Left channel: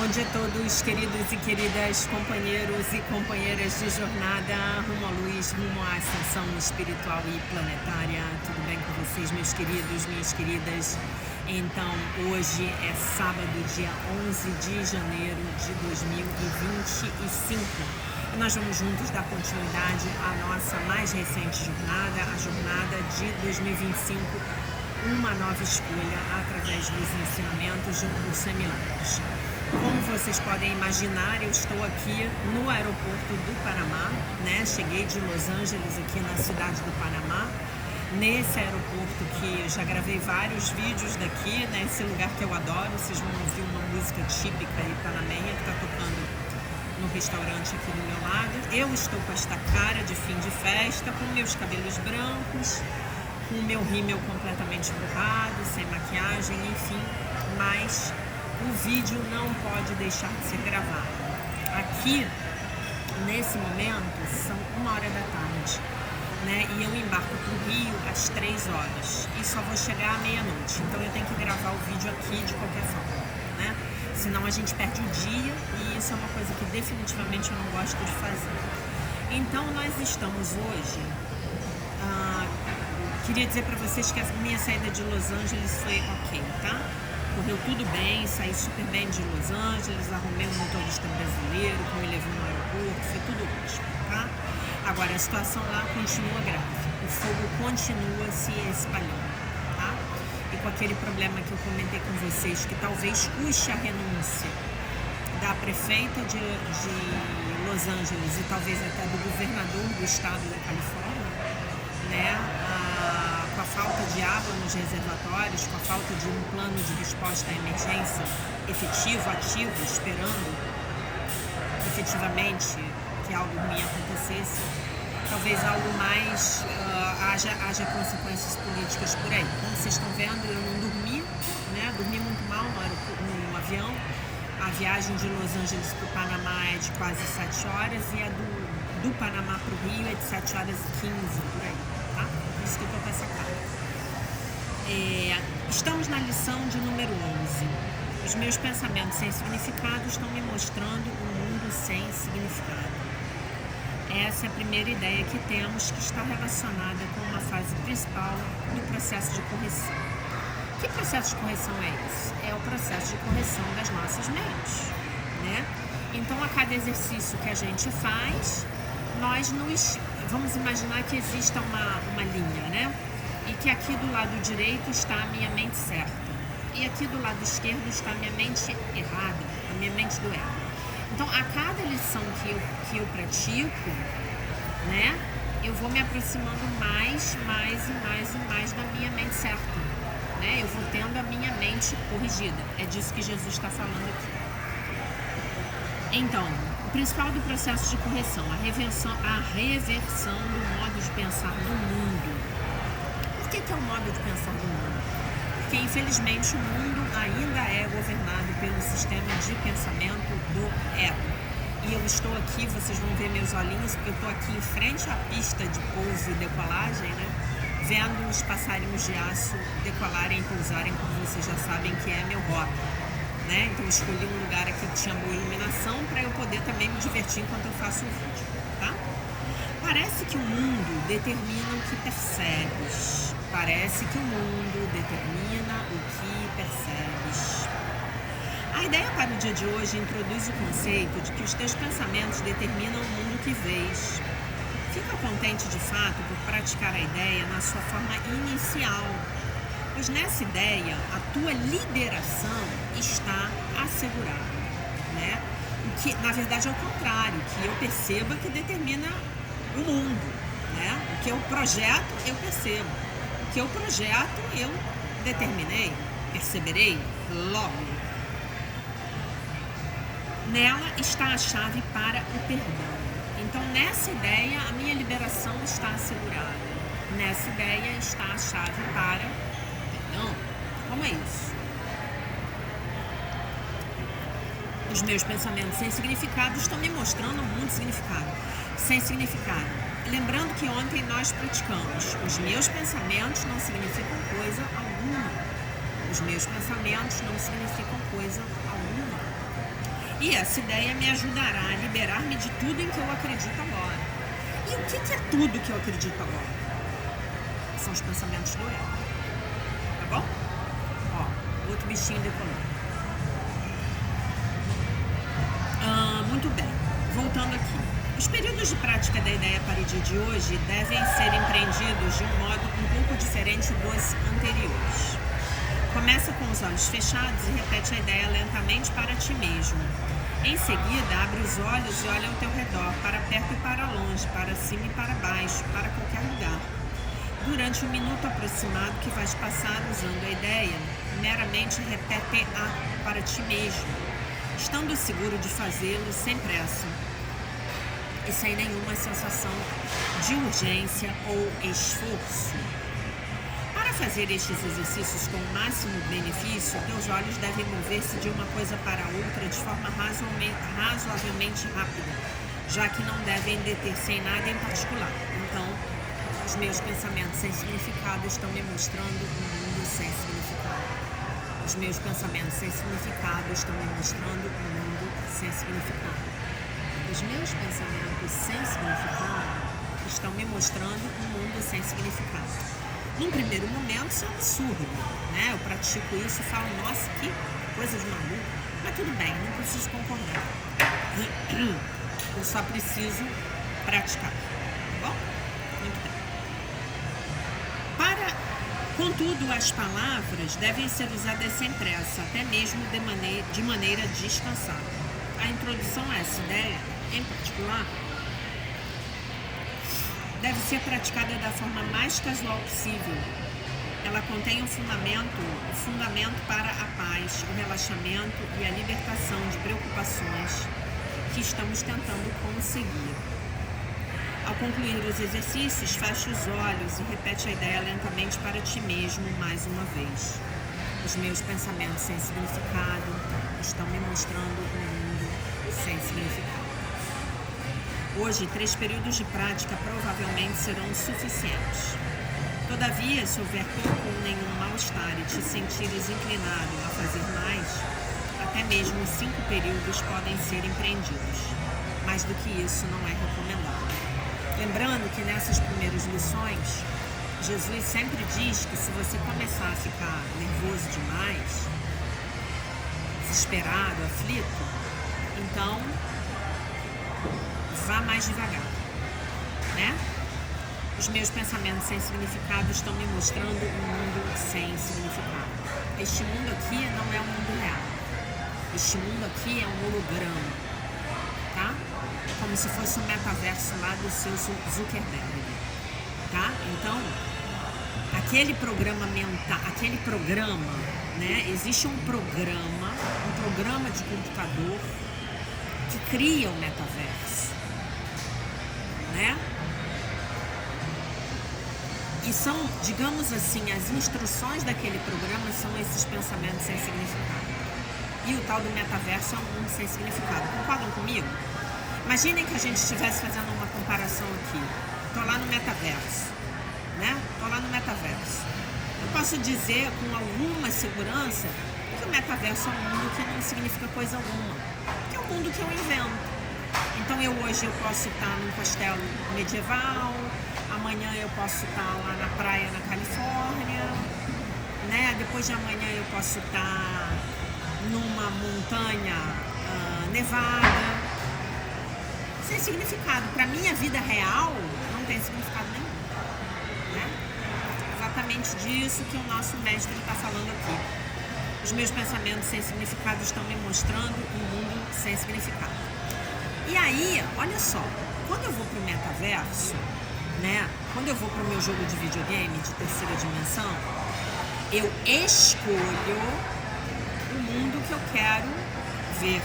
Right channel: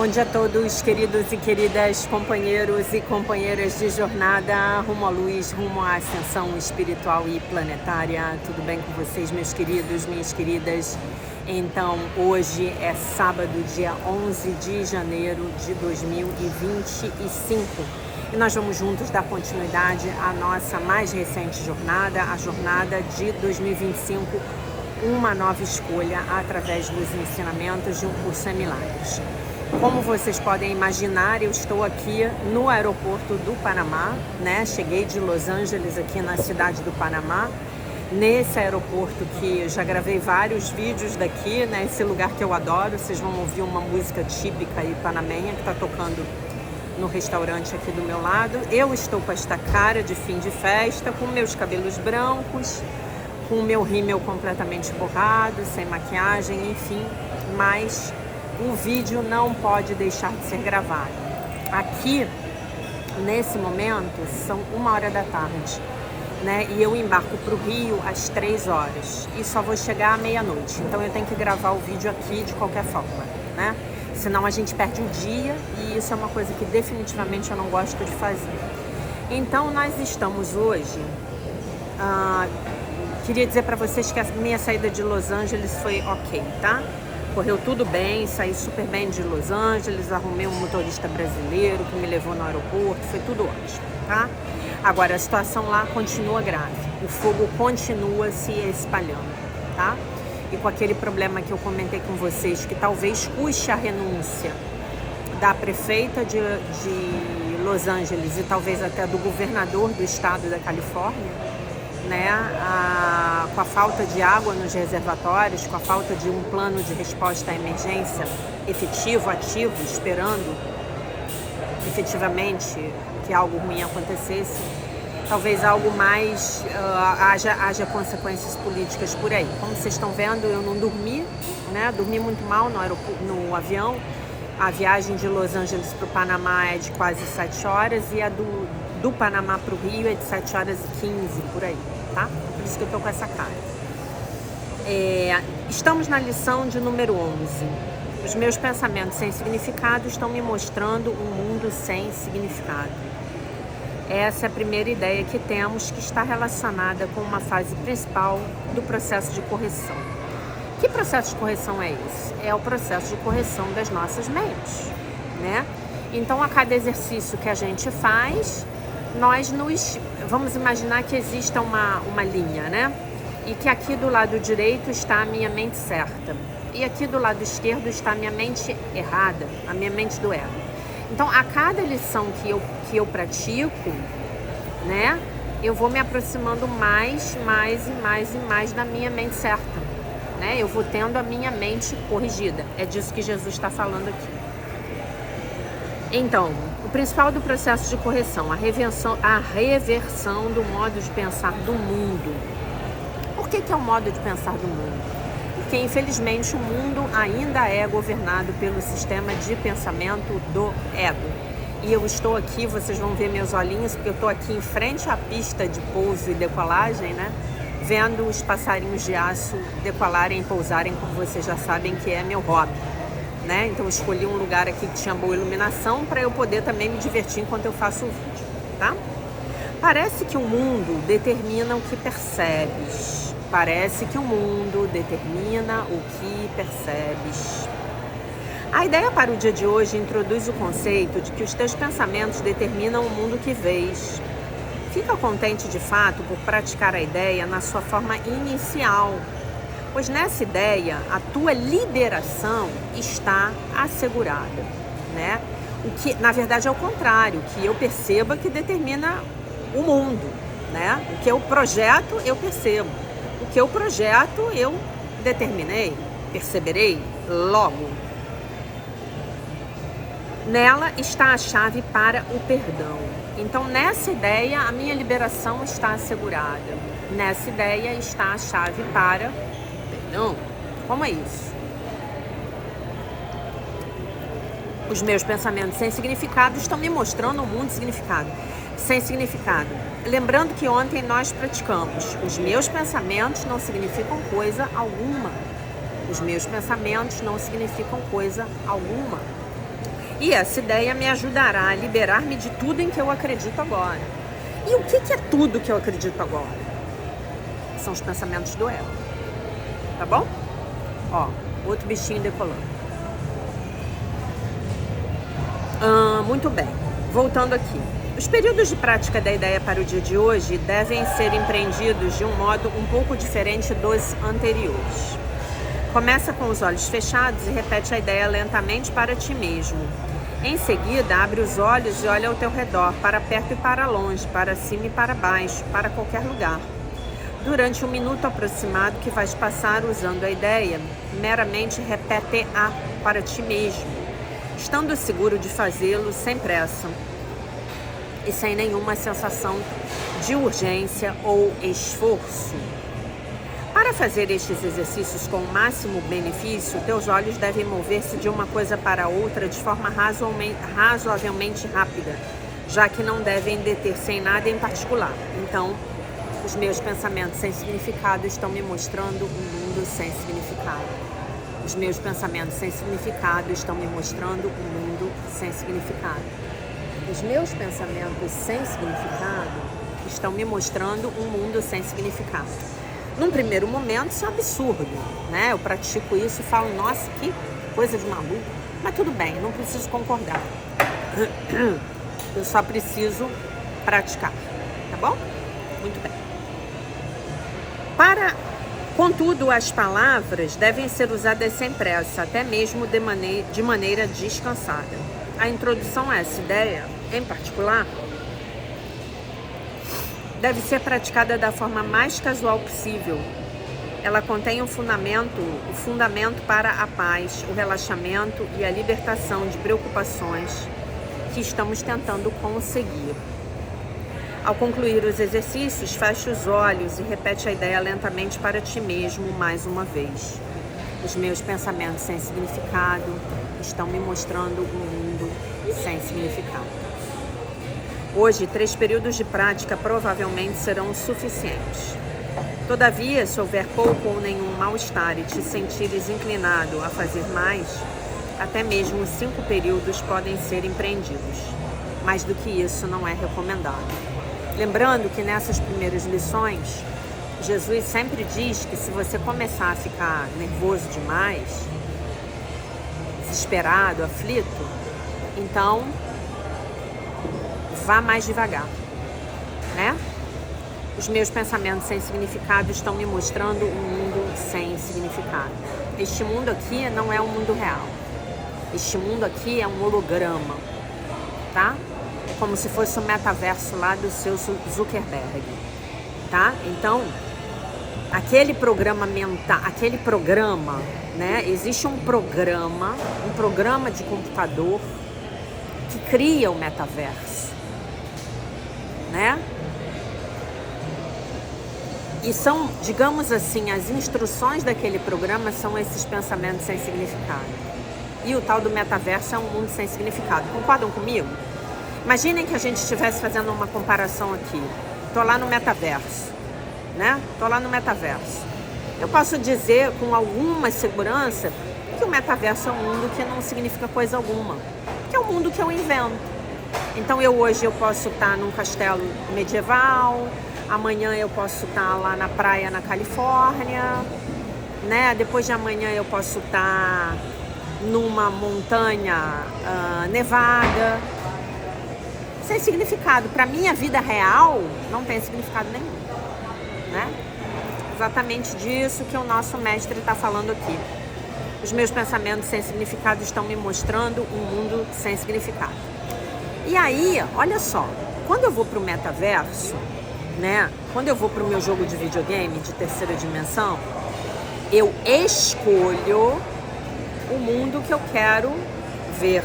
Bom dia a todos, queridos e queridas companheiros e companheiras de jornada rumo à luz, rumo à ascensão espiritual e planetária. Tudo bem com vocês, meus queridos, minhas queridas? Então, hoje é sábado, dia 11 de janeiro de 2025. E nós vamos juntos dar continuidade à nossa mais recente jornada, a jornada de 2025, uma nova escolha através dos ensinamentos de um curso em milagres. Como vocês podem imaginar, eu estou aqui no aeroporto do Panamá, né? Cheguei de Los Angeles aqui na cidade do Panamá, nesse aeroporto que já gravei vários vídeos daqui, né? Esse lugar que eu adoro, vocês vão ouvir uma música típica aí panamenha que está tocando no restaurante aqui do meu lado. Eu estou com esta cara de fim de festa, com meus cabelos brancos, com o meu rímel completamente borrado, sem maquiagem, enfim, mas o vídeo não pode deixar de ser gravado. Aqui, nesse momento, são 1h da tarde, né? E eu embarco para o Rio às 3 horas e só vou chegar à meia-noite. Então eu tenho que gravar o vídeo aqui de qualquer forma, né? Senão a gente perde o dia e isso é uma coisa que definitivamente eu não gosto de fazer. Então nós estamos hoje... queria dizer para vocês que a minha saída de Los Angeles foi ok, tá? Correu tudo bem, saí super bem de Los Angeles, arrumei um motorista brasileiro que me levou no aeroporto, foi tudo ótimo, tá? Agora, a situação lá continua grave, o fogo continua se espalhando, tá? E com aquele problema que eu comentei com vocês, que talvez custe a renúncia da prefeita de Los Angeles e talvez até do governador do estado da Califórnia, né, com a falta de água nos reservatórios, com a falta de um plano de resposta à emergência efetivo, ativo, esperando efetivamente que algo ruim acontecesse, talvez algo mais, haja consequências políticas por aí. Como vocês estão vendo, eu não dormi, né, dormi muito mal no avião. A viagem de Los Angeles para o Panamá é de quase 7 horas e a do Panamá para o Rio é de 7h15, por aí, tá? Por isso que eu tô com essa cara. Estamos na lição de número 11. Os meus pensamentos sem significado estão me mostrando um mundo sem significado. Essa é a primeira ideia que temos, que está relacionada com uma fase principal do processo de correção. Que processo de correção é esse? É o processo de correção das nossas mentes, né? Então, a cada exercício que a gente faz, vamos imaginar que exista uma linha, né? E que aqui do lado direito está a minha mente certa. E aqui do lado esquerdo está a minha mente errada, a minha mente do ego. Então, a cada lição que eu pratico, né? Eu vou me aproximando mais da minha mente certa. Né? Eu vou tendo a minha mente corrigida. É disso que Jesus está falando aqui. Então, o principal do processo de correção, a reversão do modo de pensar do mundo. Por que é o modo de pensar do mundo? Porque, infelizmente, o mundo ainda é governado pelo sistema de pensamento do ego. E eu estou aqui, vocês vão ver meus olhinhos, porque eu estou aqui em frente à pista de pouso e decolagem, né? Vendo os passarinhos de aço decolarem e pousarem, como vocês já sabem que é meu hobby, né? Então eu escolhi um lugar aqui que tinha boa iluminação para eu poder também me divertir enquanto eu faço o vídeo, tá? Parece que o mundo determina o que percebes. Parece que o mundo determina o que percebes. A ideia para o dia de hoje introduz o conceito de que os teus pensamentos determinam o mundo que vês. Fica contente de fato por praticar a ideia na sua forma inicial, pois nessa ideia a tua liberação está assegurada, né? O que na verdade é o contrário, que eu perceba que determina o mundo, né? O que eu projeto eu percebo, o que eu projeto eu determinei, perceberei logo. Nela está a chave para o perdão. Então, nessa ideia, a minha liberação está assegurada. Nessa ideia está a chave para o perdão. Como é isso? Os meus pensamentos sem significado estão me mostrando um mundo sem significado. Lembrando que ontem nós praticamos. Os meus pensamentos não significam coisa alguma. Os meus pensamentos não significam coisa alguma. E essa ideia me ajudará a liberar-me de tudo em que eu acredito agora. E o que é tudo que eu acredito agora? São os pensamentos do ego. Tá bom? Ó, outro bichinho decolando. Muito bem. Voltando aqui. Os períodos de prática da ideia para o dia de hoje devem ser empreendidos de um modo um pouco diferente dos anteriores. Começa com os olhos fechados e repete a ideia lentamente para ti mesmo. Em seguida, abre os olhos e olha ao teu redor, para perto e para longe, para cima e para baixo, para qualquer lugar. Durante um minuto aproximado que vais passar usando a ideia, meramente repete-a para ti mesmo, estando seguro de fazê-lo sem pressa e sem nenhuma sensação de urgência ou esforço. Para fazer estes exercícios com o máximo benefício, teus olhos devem mover-se de uma coisa para outra de forma razoavelmente rápida, já que não devem deter-se em nada em particular. Então, os meus pensamentos sem significado estão me mostrando um mundo sem significado. Os meus pensamentos sem significado estão me mostrando um mundo sem significado. Os meus pensamentos sem significado estão me mostrando um mundo sem significado. Num primeiro momento, isso é um absurdo, né? Eu pratico isso e falo, nossa, que coisa de maluco. Mas tudo bem, não preciso concordar. Eu só preciso praticar, tá bom? Muito bem. Contudo, as palavras devem ser usadas sem pressa, até mesmo de maneira descansada. A introdução a essa ideia, em particular, deve ser praticada da forma mais casual possível. Ela contém o fundamento para a paz, o relaxamento e a libertação de preocupações que estamos tentando conseguir. Ao concluir os exercícios, feche os olhos e repete a ideia lentamente para ti mesmo mais uma vez. Os meus pensamentos sem significado estão me mostrando um mundo sem significado. Hoje, 3 períodos de prática provavelmente serão suficientes. Todavia, se houver pouco ou nenhum mal-estar e te sentires inclinado a fazer mais, até mesmo 5 períodos podem ser empreendidos. Mais do que isso não é recomendado. Lembrando que nessas primeiras lições, Jesus sempre diz que se você começar a ficar nervoso demais, desesperado, aflito, então vá mais devagar, né? Os meus pensamentos sem significado estão me mostrando um mundo sem significado. Este mundo aqui não é um mundo real. Este mundo aqui é um holograma, tá? É como se fosse o metaverso lá do seu Zuckerberg, tá? Então, aquele programa mental, né? Existe um programa de computador que cria o metaverso, né? E são, digamos assim, as instruções daquele programa são esses pensamentos sem significado. E o tal do metaverso é um mundo sem significado. Concordam comigo? Imaginem que a gente estivesse fazendo uma comparação aqui. Tô lá no metaverso, né? Tô lá no metaverso. Eu posso dizer com alguma segurança que o metaverso é um mundo que não significa coisa alguma. Que é um mundo que eu invento. Então hoje eu posso estar num castelo medieval, amanhã eu posso estar lá na praia na Califórnia, né? Depois de amanhã eu posso estar numa montanha nevada. Sem significado. Para minha vida real não tem significado nenhum, né? Exatamente disso que o nosso mestre está falando aqui. Os meus pensamentos sem significado estão me mostrando um mundo sem significado. E aí, olha só, quando eu vou para o metaverso, né? Quando eu vou para o meu jogo de videogame de terceira dimensão, eu escolho o mundo que eu quero ver.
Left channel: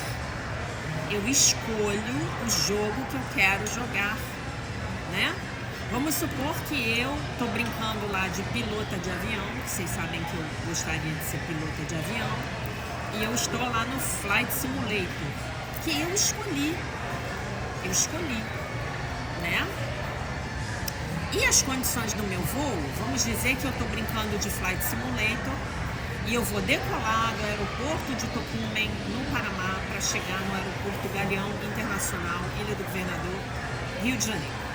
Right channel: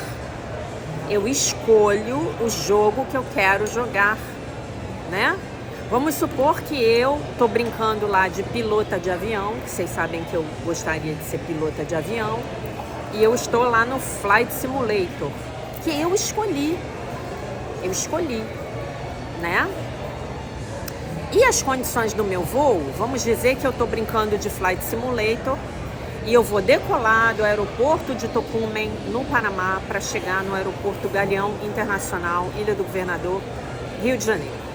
Eu escolho o jogo que eu quero jogar, né? Vamos supor que eu tô brincando lá de pilota de avião, vocês sabem que eu gostaria de ser pilota de avião, e eu estou lá no Flight Simulator, que eu escolhi, né? E as condições do meu voo, vamos dizer que eu tô brincando de Flight Simulator E eu vou decolar do aeroporto de Tocumen, no Panamá, para chegar no aeroporto Galeão Internacional, Ilha do Governador, Rio de Janeiro.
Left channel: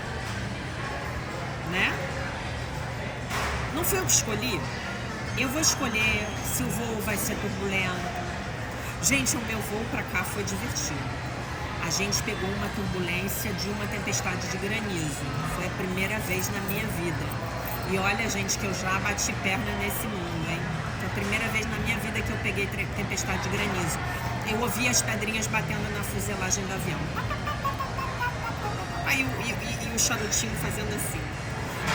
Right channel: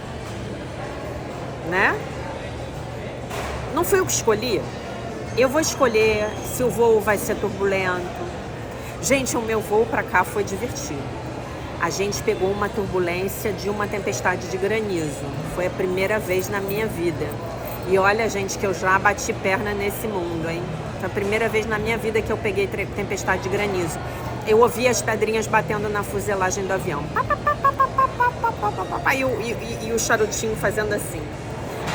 Né? Não foi eu que escolhi. Eu vou escolher se o voo vai ser turbulento. Gente, o meu voo para cá foi divertido. A gente pegou uma turbulência de uma tempestade de granizo. Foi a primeira vez na minha vida. E olha, gente, que eu já bati perna nesse mundo, hein? Foi a primeira vez na minha vida que eu peguei tempestade de granizo. Eu ouvi as pedrinhas batendo na fuselagem do avião. E o charutinho fazendo assim.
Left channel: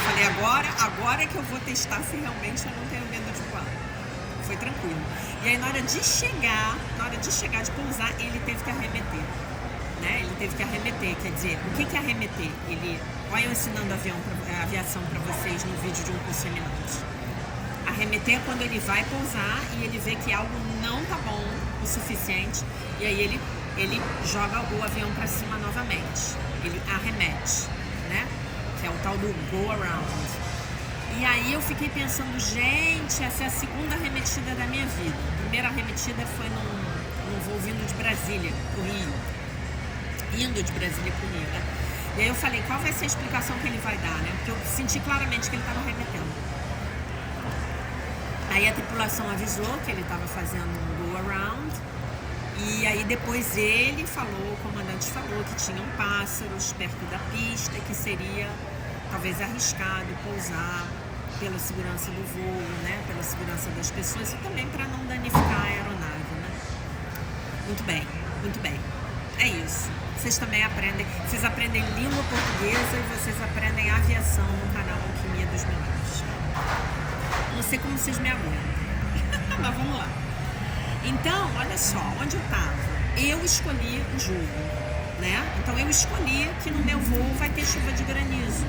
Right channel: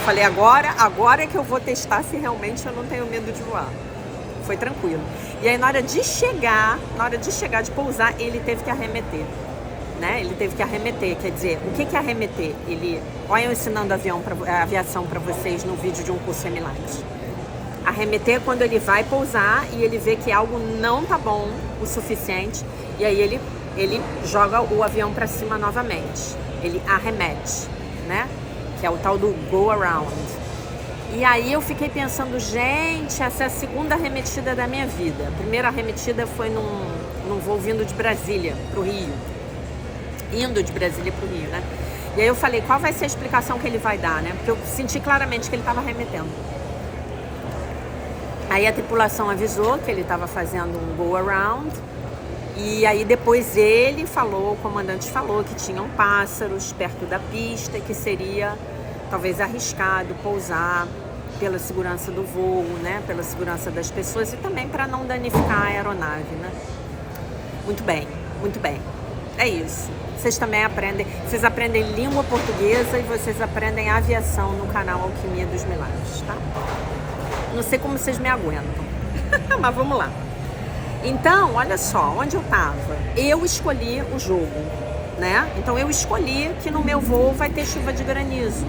Falei, agora é que eu vou testar se realmente eu não tenho medo de voar. Foi tranquilo. E aí, na hora de chegar, de pousar, ele teve que arremeter. Né? Ele teve que arremeter, quer dizer, o que é arremeter? Olha eu ensinando aviação para vocês no vídeo de um curso semelhante. Arremeter é quando ele vai pousar e ele vê que algo não tá bom o suficiente e aí ele joga o avião para cima novamente. Ele arremete, né? Que é o tal do go around. E aí eu fiquei pensando, gente, essa é a segunda arremetida da minha vida. A primeira arremetida foi num voo vindo de Brasília pro Rio. Indo de Brasília pro Rio, né? E aí eu falei, qual vai ser a explicação que ele vai dar, né? Porque eu senti claramente que ele estava arremetendo. Aí a tripulação avisou que ele estava fazendo um go around. E aí depois ele falou, o comandante falou que tinham pássaros perto da pista, que seria talvez arriscado pousar pela segurança do voo, né? Pela segurança das pessoas e também para não danificar a aeronave, né? Muito bem, muito bem. É isso. Vocês também aprendem, vocês aprendem língua portuguesa e vocês aprendem aviação no canal Alquimia dos Milagres, tá? Não sei como vocês me aguentam, mas vamos lá. Então, olha só, onde eu tava? Eu escolhi o jogo, né? Então eu escolhi que no meu voo vai ter chuva de granizo,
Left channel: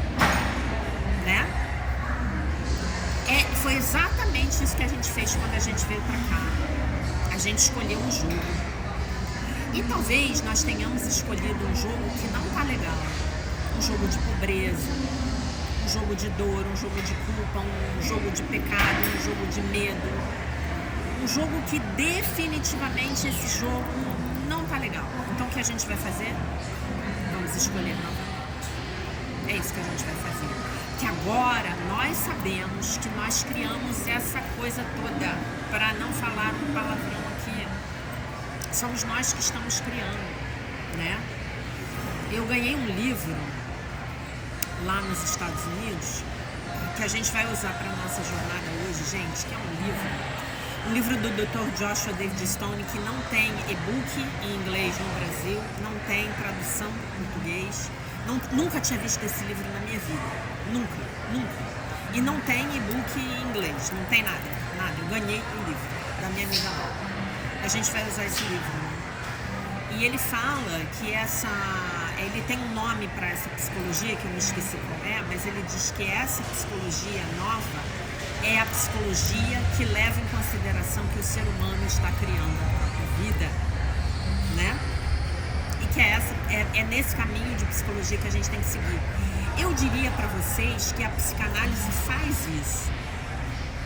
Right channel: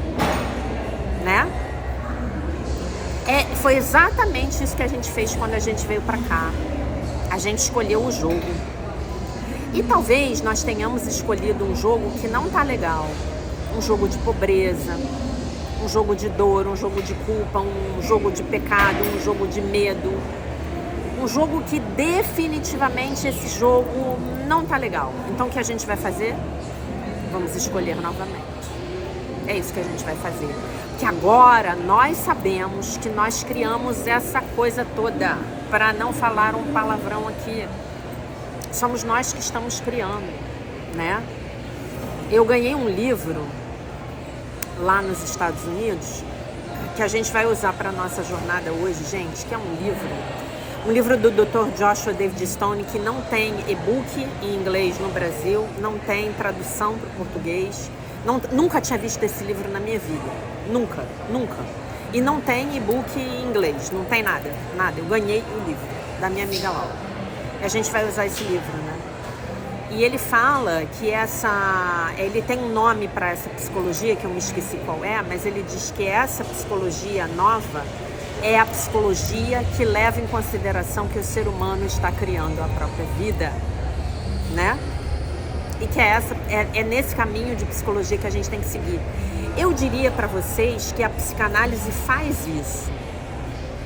né? Foi exatamente isso que a gente fez quando a gente veio pra cá. A gente escolheu o jogo. E talvez nós tenhamos escolhido um jogo que não tá legal. Um jogo de pobreza, um jogo de dor, um jogo de culpa, um jogo de pecado, um jogo de medo. Um jogo que definitivamente esse jogo não tá legal. Então o que a gente vai fazer? Vamos escolher novamente. É isso que a gente vai fazer. Que agora nós sabemos que nós criamos essa coisa toda. Para não falar um palavrão aqui. Somos nós que estamos criando, né? Eu ganhei um livro lá nos Estados Unidos que a gente vai usar para nossa jornada hoje, gente, que é um livro do Dr. Joshua David Stone, que não tem e-book em inglês no Brasil, não tem tradução para o português. Nunca tinha visto esse livro na minha vida. Nunca. E não tem e-book em inglês, não tem nada. Eu ganhei o livro da minha amiga Laura. A gente vai usar esse livro, né? E ele fala que ele tem um nome para essa psicologia, que eu me esqueci qual é, mas ele diz que essa psicologia nova é a psicologia que leva em consideração que o ser humano está criando a própria vida, né? E que é nesse caminho de psicologia que a gente tem que seguir. Eu diria para vocês que a psicanálise faz isso.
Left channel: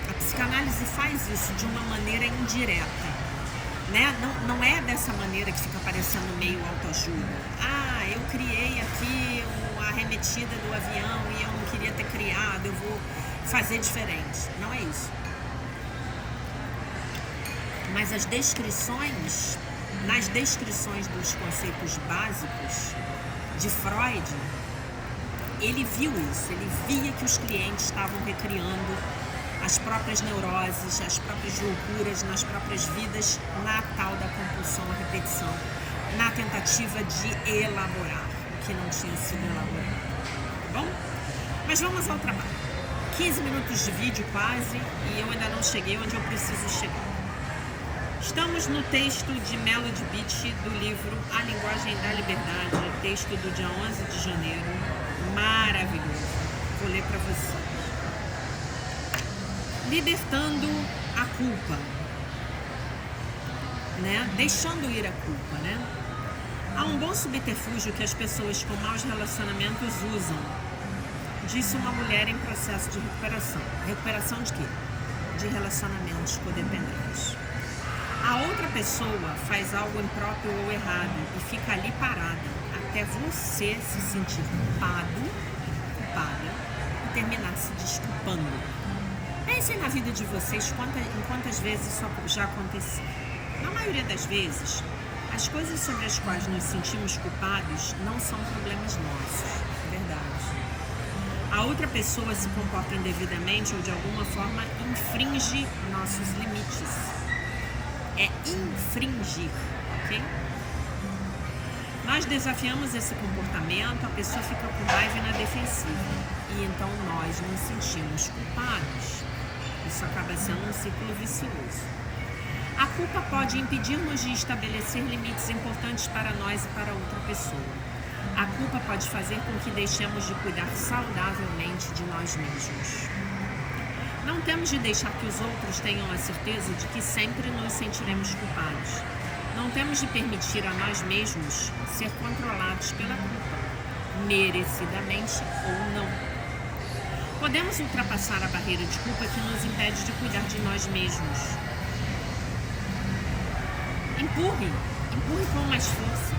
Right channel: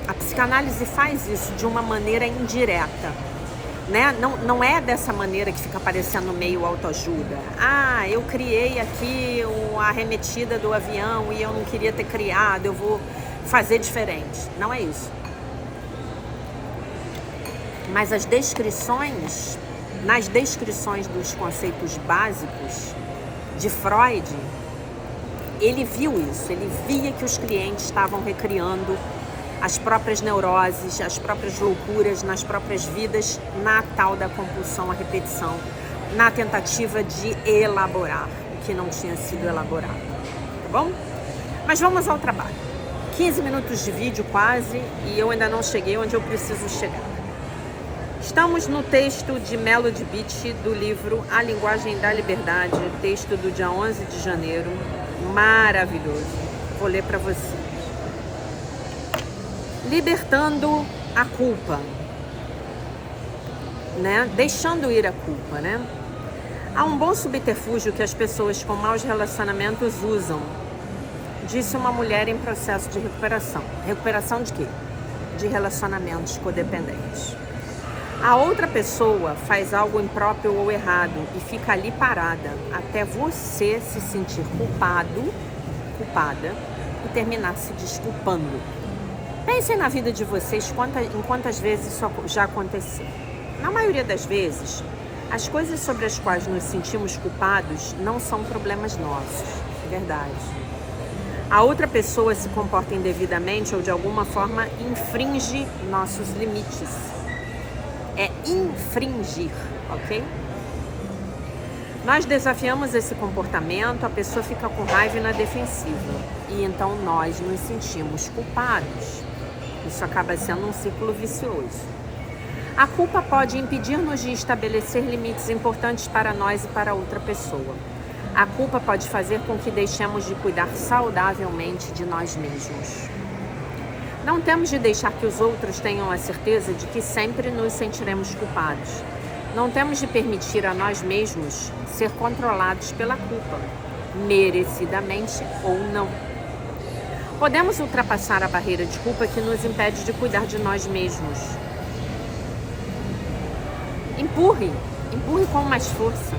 A psicanálise faz isso de uma maneira indireta. Né? Não é dessa maneira que fica parecendo meio autoajuda. Eu criei aqui a arremetida do avião e eu não queria ter criado, eu vou fazer diferente. Não é isso. Mas nas descrições dos conceitos básicos de Freud, ele viu isso, ele via que os clientes estavam recriando as próprias neuroses, as próprias loucuras nas próprias vidas, na tal da compulsão à repetição, na tentativa de elaborar o que não tinha sido elaborado, tá bom? Mas vamos ao trabalho. 15 minutos de vídeo quase e eu ainda não cheguei onde eu preciso chegar. Estamos no texto de Melody Beach do livro A Linguagem da Liberdade, texto do dia 11 de janeiro, maravilhoso. Vou ler para vocês. Libertando a culpa, né? Deixando ir a culpa, né? Há um bom subterfúgio que as pessoas com maus relacionamentos usam, disse uma mulher em processo de recuperação. Recuperação de quê? de relacionamentos codependentes. A outra pessoa faz algo impróprio ou errado e fica ali parada até você se sentir culpado, culpada e terminar se desculpando. Pensem na vida de vocês em quantas vezes isso já aconteceu. Na maioria das vezes, as coisas sobre as quais nos sentimos culpados não são problemas nossos, é verdade. A outra pessoa se comporta indevidamente ou de alguma forma infringe nossos limites. É infringir, ok? Nós desafiamos esse comportamento, a pessoa fica com raiva e na defensiva. E então nós nos sentimos culpados. Isso acaba sendo um círculo vicioso. A culpa pode impedir-nos de estabelecer limites importantes para nós e para outra pessoa. A culpa pode fazer com que deixemos de cuidar saudavelmente de nós mesmos. Não temos de deixar que os outros tenham a certeza de que sempre nos sentiremos culpados. Não temos de permitir a nós mesmos ser controlados pela culpa, merecidamente ou não. Podemos ultrapassar a barreira de culpa que nos impede de cuidar de nós mesmos. Empurre com mais força.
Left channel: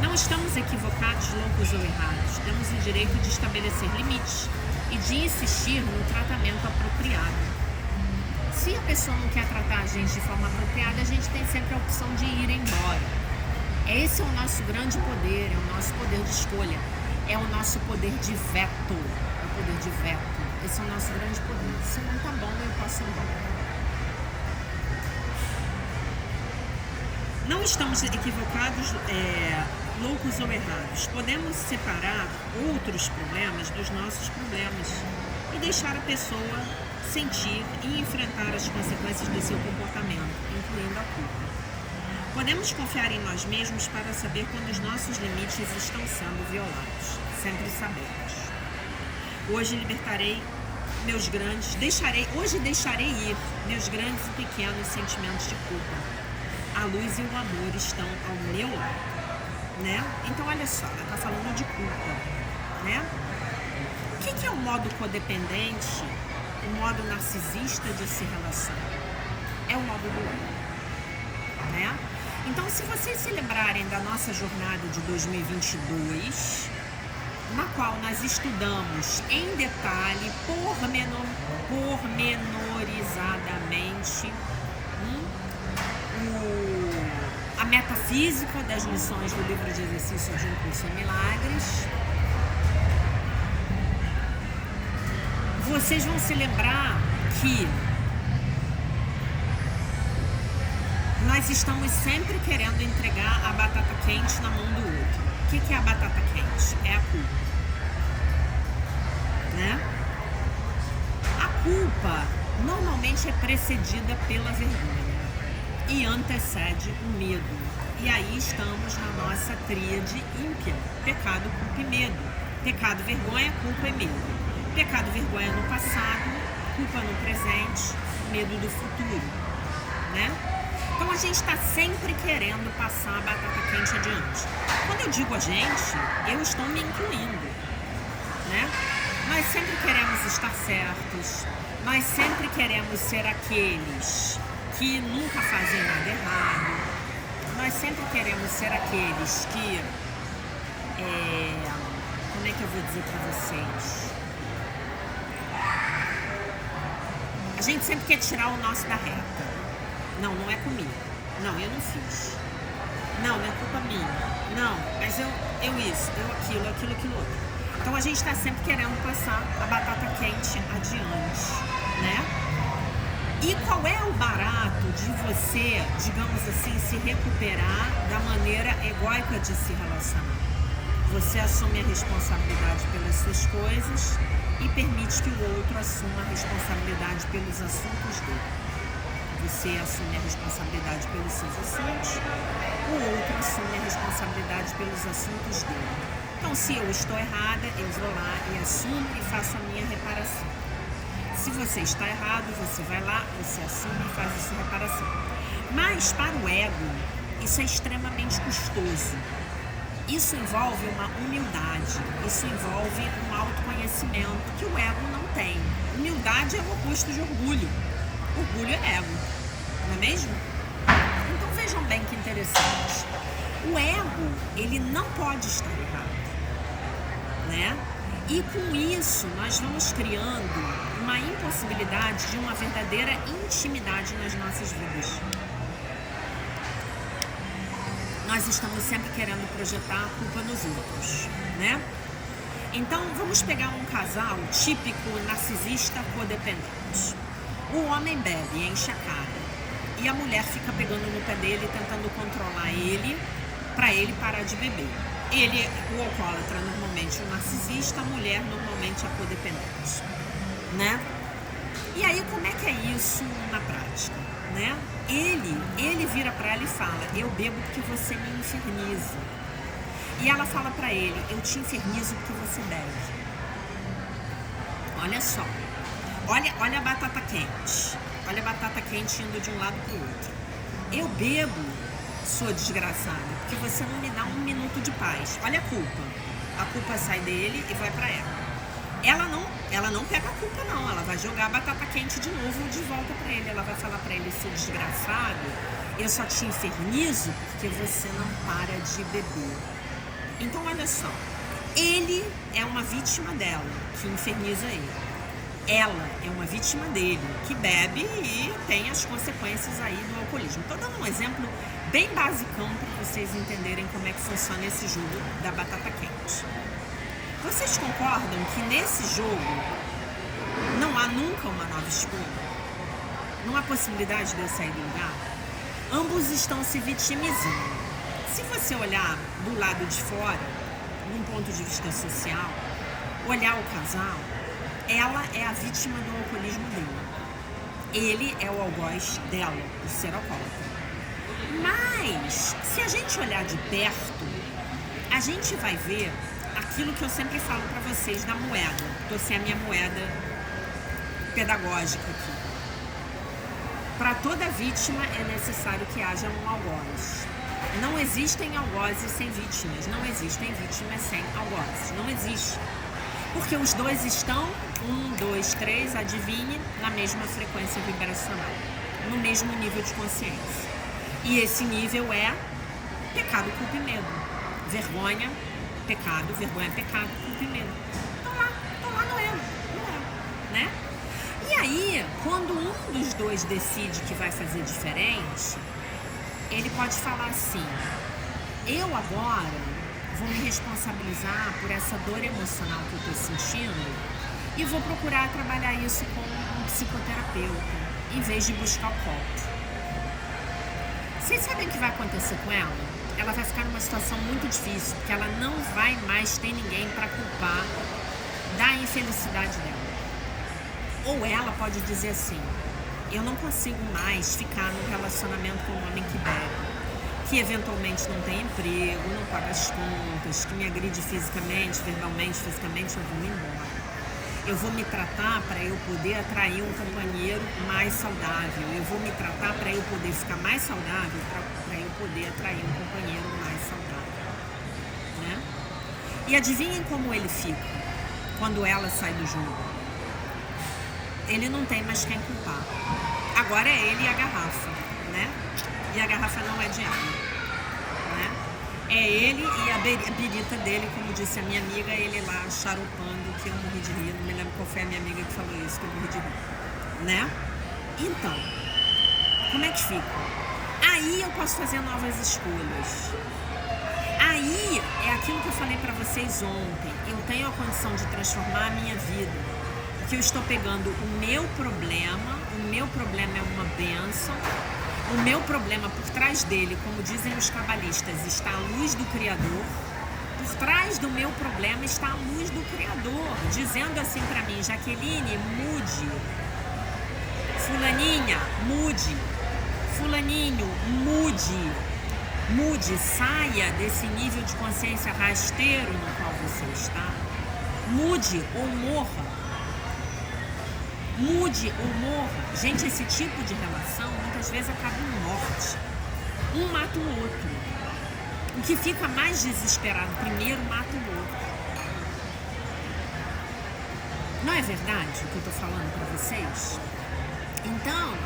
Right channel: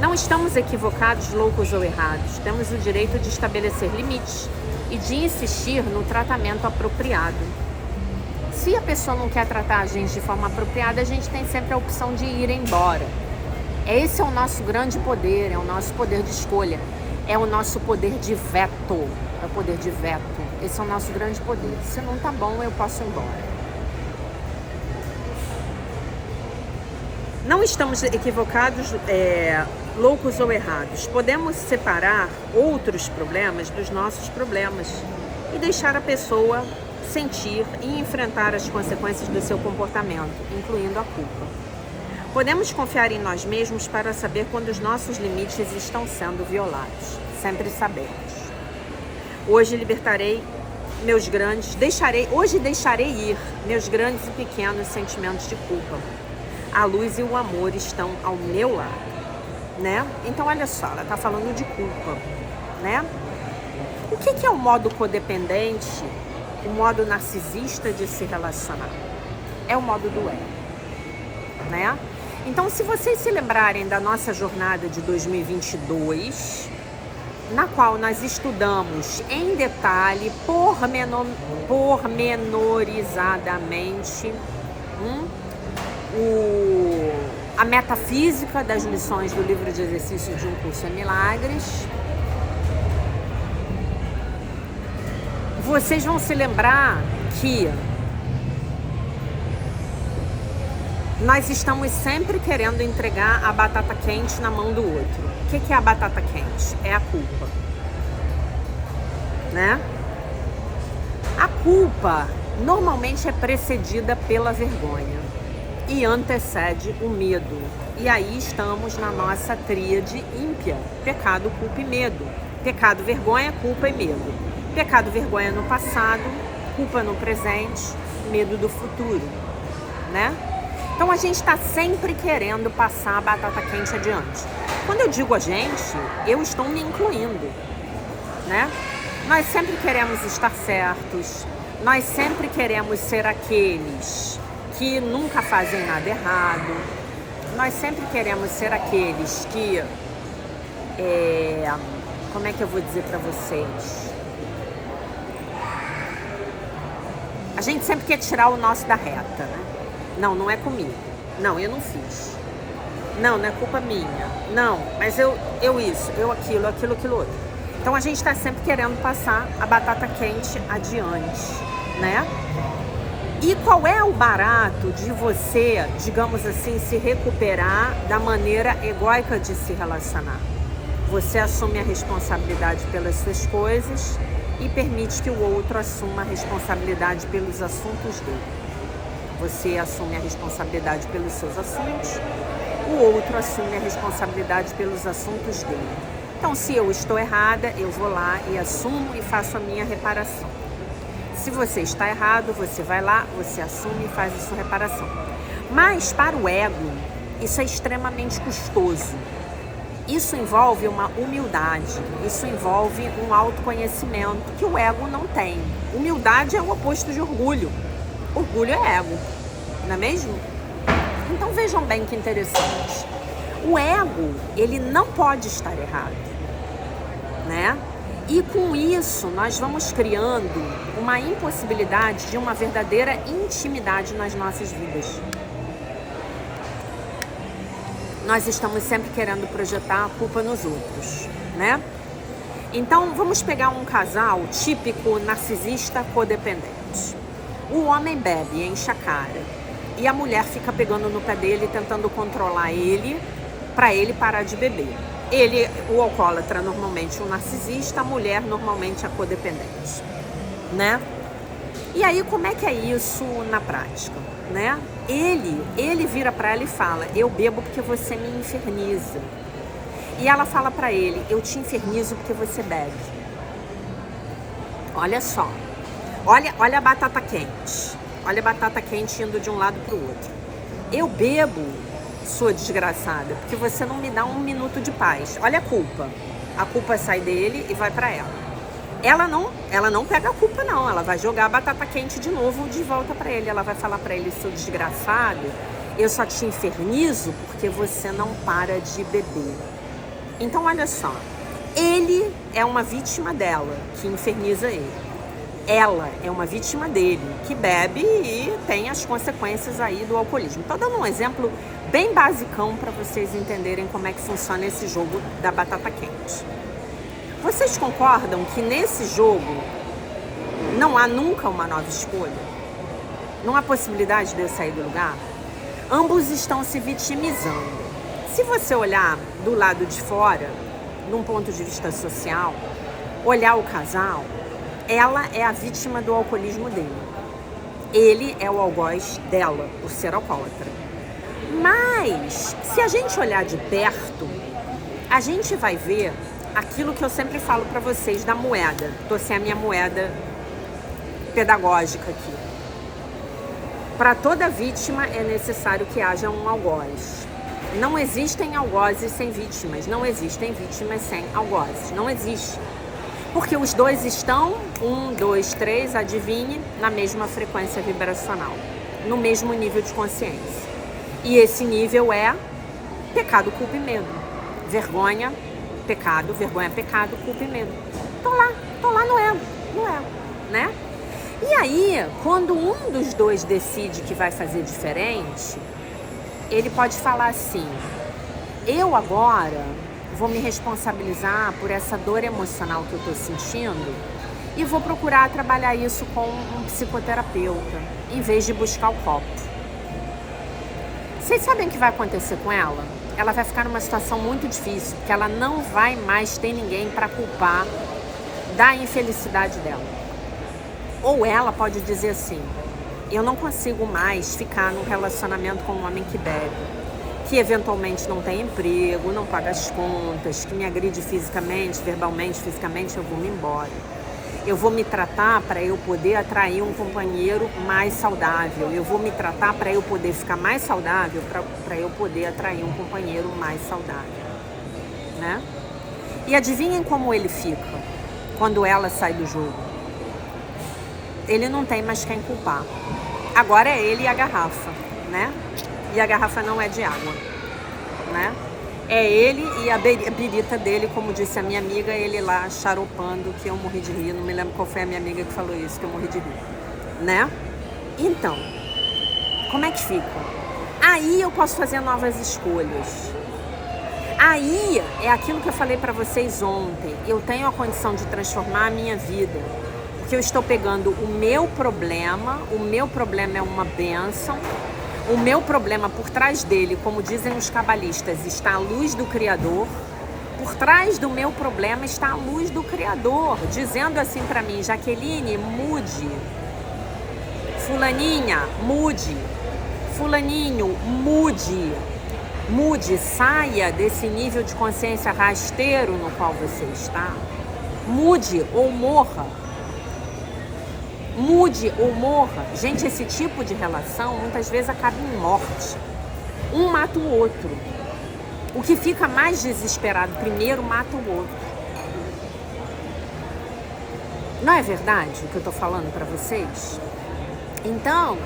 Não estamos equivocados, loucos ou errados. Temos o direito de estabelecer limites e de insistir no tratamento apropriado. Se a pessoa não quer tratar a gente de forma apropriada, a gente tem sempre a opção de ir embora. Esse é o nosso grande poder, é o nosso poder de escolha, é o nosso poder de veto. É o poder de veto. Esse é o nosso grande poder. Se não tá bom, eu posso ir embora. Não estamos equivocados, loucos ou errados. Podemos separar outros problemas dos nossos problemas e deixar a pessoa sentir e enfrentar as consequências do seu comportamento, incluindo a culpa. Podemos confiar em nós mesmos para saber quando os nossos limites estão sendo violados. Sempre sabemos. Hoje deixarei ir meus grandes e pequenos sentimentos de culpa. A luz e o amor estão ao meu lado, né? Então, olha só, ela tá falando de culpa, né? O que é o modo codependente, o modo narcisista de se relacionar? É o modo do ego, né? Então, se vocês se lembrarem da nossa jornada de 2022, na qual nós estudamos em detalhe, pormenorizadamente, a metafísica das lições do livro de exercícios de Um Curso em Milagres, vocês vão se lembrar que nós estamos sempre querendo entregar a batata quente na mão do outro. O que é a batata quente? É a culpa, né? A culpa normalmente é precedida pela vergonha e antecede o medo. E aí estamos na nossa tríade ímpia: pecado, culpa e medo. Pecado, vergonha, culpa e medo. Pecado, vergonha no passado, culpa no presente, medo do futuro, né? Então a gente está sempre querendo passar a batata quente adiante. Quando eu digo a gente, eu estou me incluindo, né? Nós sempre queremos estar certos, nós sempre queremos ser aqueles que nunca fazem nada errado, nós sempre queremos ser aqueles que, como é que eu vou dizer para vocês? A gente sempre quer tirar o nosso da reta. Não, não é comigo. Não, eu não fiz. Não, não é culpa minha. Não, mas eu isso, eu aquilo outro. Então a gente está sempre querendo passar a batata quente adiante, né? E qual é o barato de você, digamos assim, se recuperar da maneira egóica de se relacionar? Você assume a responsabilidade pelas suas coisas e permite que o outro assuma a responsabilidade pelos assuntos dele. Você assume a responsabilidade pelos seus assuntos, o outro assume a responsabilidade pelos assuntos dele. Então, se eu estou errada, eu vou lá e assumo e faço a minha reparação. Se você está errado, você vai lá, você assume e faz a sua reparação. Mas para o ego, isso é extremamente custoso. Isso envolve uma humildade, isso envolve um autoconhecimento que o ego não tem. Humildade é o oposto de orgulho. Orgulho é ego, não é mesmo? Então vejam bem que interessante. O ego, ele não pode estar errado, né? E com isso, nós vamos criando uma impossibilidade de uma verdadeira intimidade nas nossas vidas. Nós estamos sempre querendo projetar a culpa nos outros, né? Então, vamos pegar um casal típico narcisista codependente. O homem bebe, enche a cara, e a mulher fica pegando no pé dele, tentando controlar ele, para ele parar de beber. Ele, o alcoólatra, normalmente o narcisista, a mulher, normalmente a codependente, né? E aí, como é que é isso na prática, né? Ele vira para ela e fala, eu bebo porque você me inferniza. E ela fala para ele, eu te infernizo porque você bebe. Olha só, olha a batata quente. Olha a batata quente indo de um lado para o outro. Eu bebo, sua desgraçada, porque você não me dá um minuto de paz. Olha a culpa. A culpa sai dele e vai para ela. Ela não pega a culpa não, ela vai jogar a batata quente de novo de volta para ele. Ela vai falar para ele, seu desgraçado, eu só te infernizo porque você não para de beber. Então olha só, ele é uma vítima dela, que inferniza ele. Ela é uma vítima dele, que bebe e tem as consequências aí do alcoolismo. Estou dando um exemplo bem basicão para vocês entenderem como é que funciona esse jogo da batata quente. Vocês concordam que nesse jogo não há nunca uma nova escolha? Não há possibilidade de eu sair do lugar? Ambos estão se vitimizando. Se você olhar do lado de fora, num ponto de vista social, olhar o casal, ela é a vítima do alcoolismo dele. Ele é o algoz dela, por ser alcoólatra. Mas, se a gente olhar de perto, a gente vai ver aquilo que eu sempre falo para vocês da moeda. Tô sem a minha moeda pedagógica aqui. Para toda vítima é necessário que haja um algoz. Não existem algozes sem vítimas, não existem vítimas sem algozes, não existe. Porque os dois estão, 1, 2, 3, adivinhe, na mesma frequência vibracional, no mesmo nível de consciência. E esse nível é pecado, culpa e medo. Vergonha, pecado, culpa e medo. Tô lá no ego, né? E aí, quando um dos dois decide que vai fazer diferente, ele pode falar assim, eu agora vou me responsabilizar por essa dor emocional que eu estou sentindo e vou procurar trabalhar isso com um psicoterapeuta, em vez de buscar o copo. Vocês sabem o que vai acontecer com ela? Ela vai ficar numa situação muito difícil, porque ela não vai mais ter ninguém para culpar da infelicidade dela. Ou ela pode dizer assim, eu não consigo mais ficar num relacionamento com um homem que bebe, que eventualmente não tem emprego, não paga as contas, que me agride fisicamente, verbalmente, fisicamente, eu vou me embora. Eu vou me tratar para eu poder atrair um companheiro mais saudável. Eu vou me tratar para eu poder ficar mais saudável, para eu poder atrair um companheiro mais saudável, né? E adivinhem como ele fica quando ela sai do jogo. Ele não tem mais quem culpar. Agora é ele e a garrafa, né? E a garrafa não é de água, né? É ele e a birita dele, como disse a minha amiga, ele lá charopando, que eu morri de rir. Não me lembro qual foi a minha amiga que falou isso, que eu morri de rir, né? Então, como é que fica? Aí eu posso fazer novas escolhas. Aí é aquilo que eu falei pra vocês ontem. Eu tenho a condição de transformar a minha vida. Que eu estou pegando o meu problema é uma bênção, o meu problema por trás dele, como dizem os cabalistas, está a luz do Criador, por trás do meu problema está a luz do Criador, dizendo assim para mim, Jaqueline, mude, fulaninha, mude, fulaninho, mude, saia desse nível de consciência rasteiro no qual você está, mude ou morra. Mude ou morra. Gente, esse tipo de relação muitas vezes acaba em morte. Um mata o outro. O que fica mais desesperado primeiro mata o outro. Não é verdade o que eu tô falando para vocês? Então,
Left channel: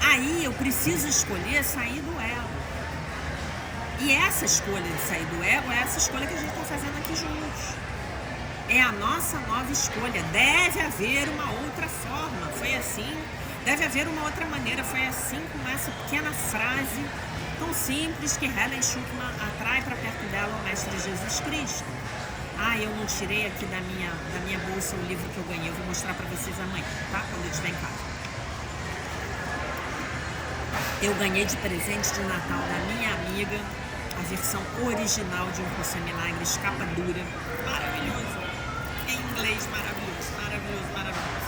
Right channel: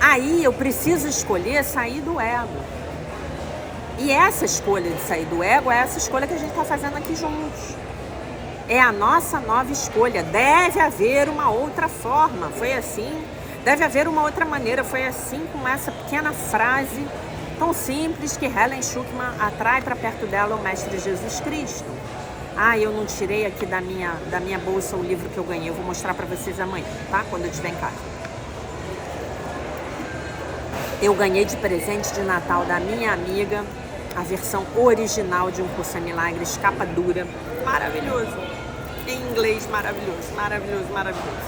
aí eu preciso escolher sair do ego. E essa escolha de sair do ego é essa escolha que a gente está fazendo aqui juntos. É a nossa nova escolha. Deve haver uma outra forma. Foi assim. Deve haver uma outra maneira. Foi assim, com essa pequena frase tão simples que Helen Schucman atrai para perto dela o Mestre Jesus Cristo. Ah, eu não tirei aqui da minha bolsa o livro que eu ganhei. Eu vou mostrar para vocês amanhã, tá? Quando eu estiver em casa. Eu ganhei de presente de Natal da minha amiga a versão original de Um Curso em Milagres, capa dura. Maravilhoso. Em inglês, maravilhoso, maravilhoso, maravilhoso.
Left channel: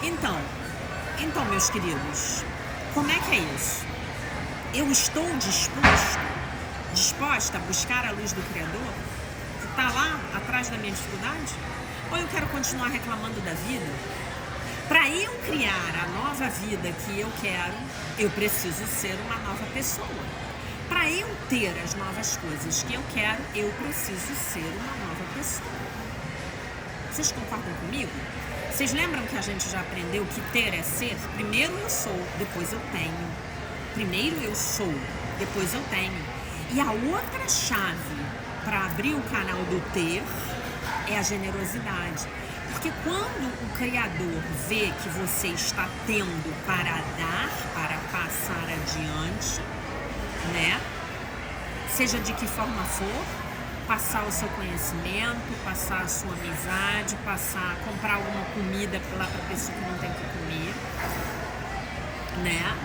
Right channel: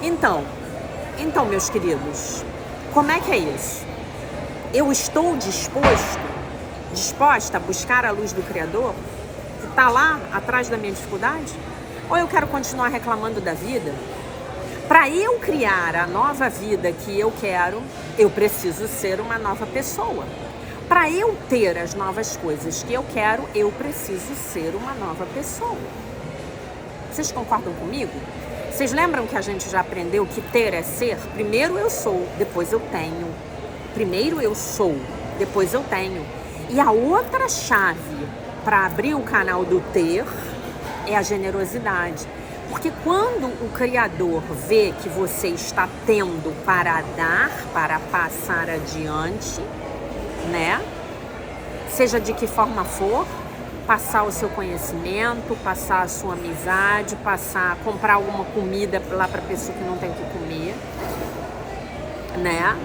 Então, meus queridos, como é que é isso? Eu estou disposta a buscar a luz do Criador, que está lá atrás da minha dificuldade? Ou eu quero continuar reclamando da vida? Para eu criar a nova vida que eu quero, eu preciso ser uma nova pessoa. Para eu ter as novas coisas que eu quero, eu preciso ser uma nova pessoa. Vocês concordam comigo? Vocês lembram que a gente já aprendeu que ter é ser? Primeiro eu sou, depois eu tenho. Primeiro eu sou, depois eu tenho. E a outra chave para abrir o canal do ter é a generosidade. Porque quando o Criador vê que você está tendo para dar, para passar adiante, né? Seja de que forma for, passar o seu conhecimento, passar a sua amizade, comprar alguma comida lá para pessoa que não tem o que comer, né?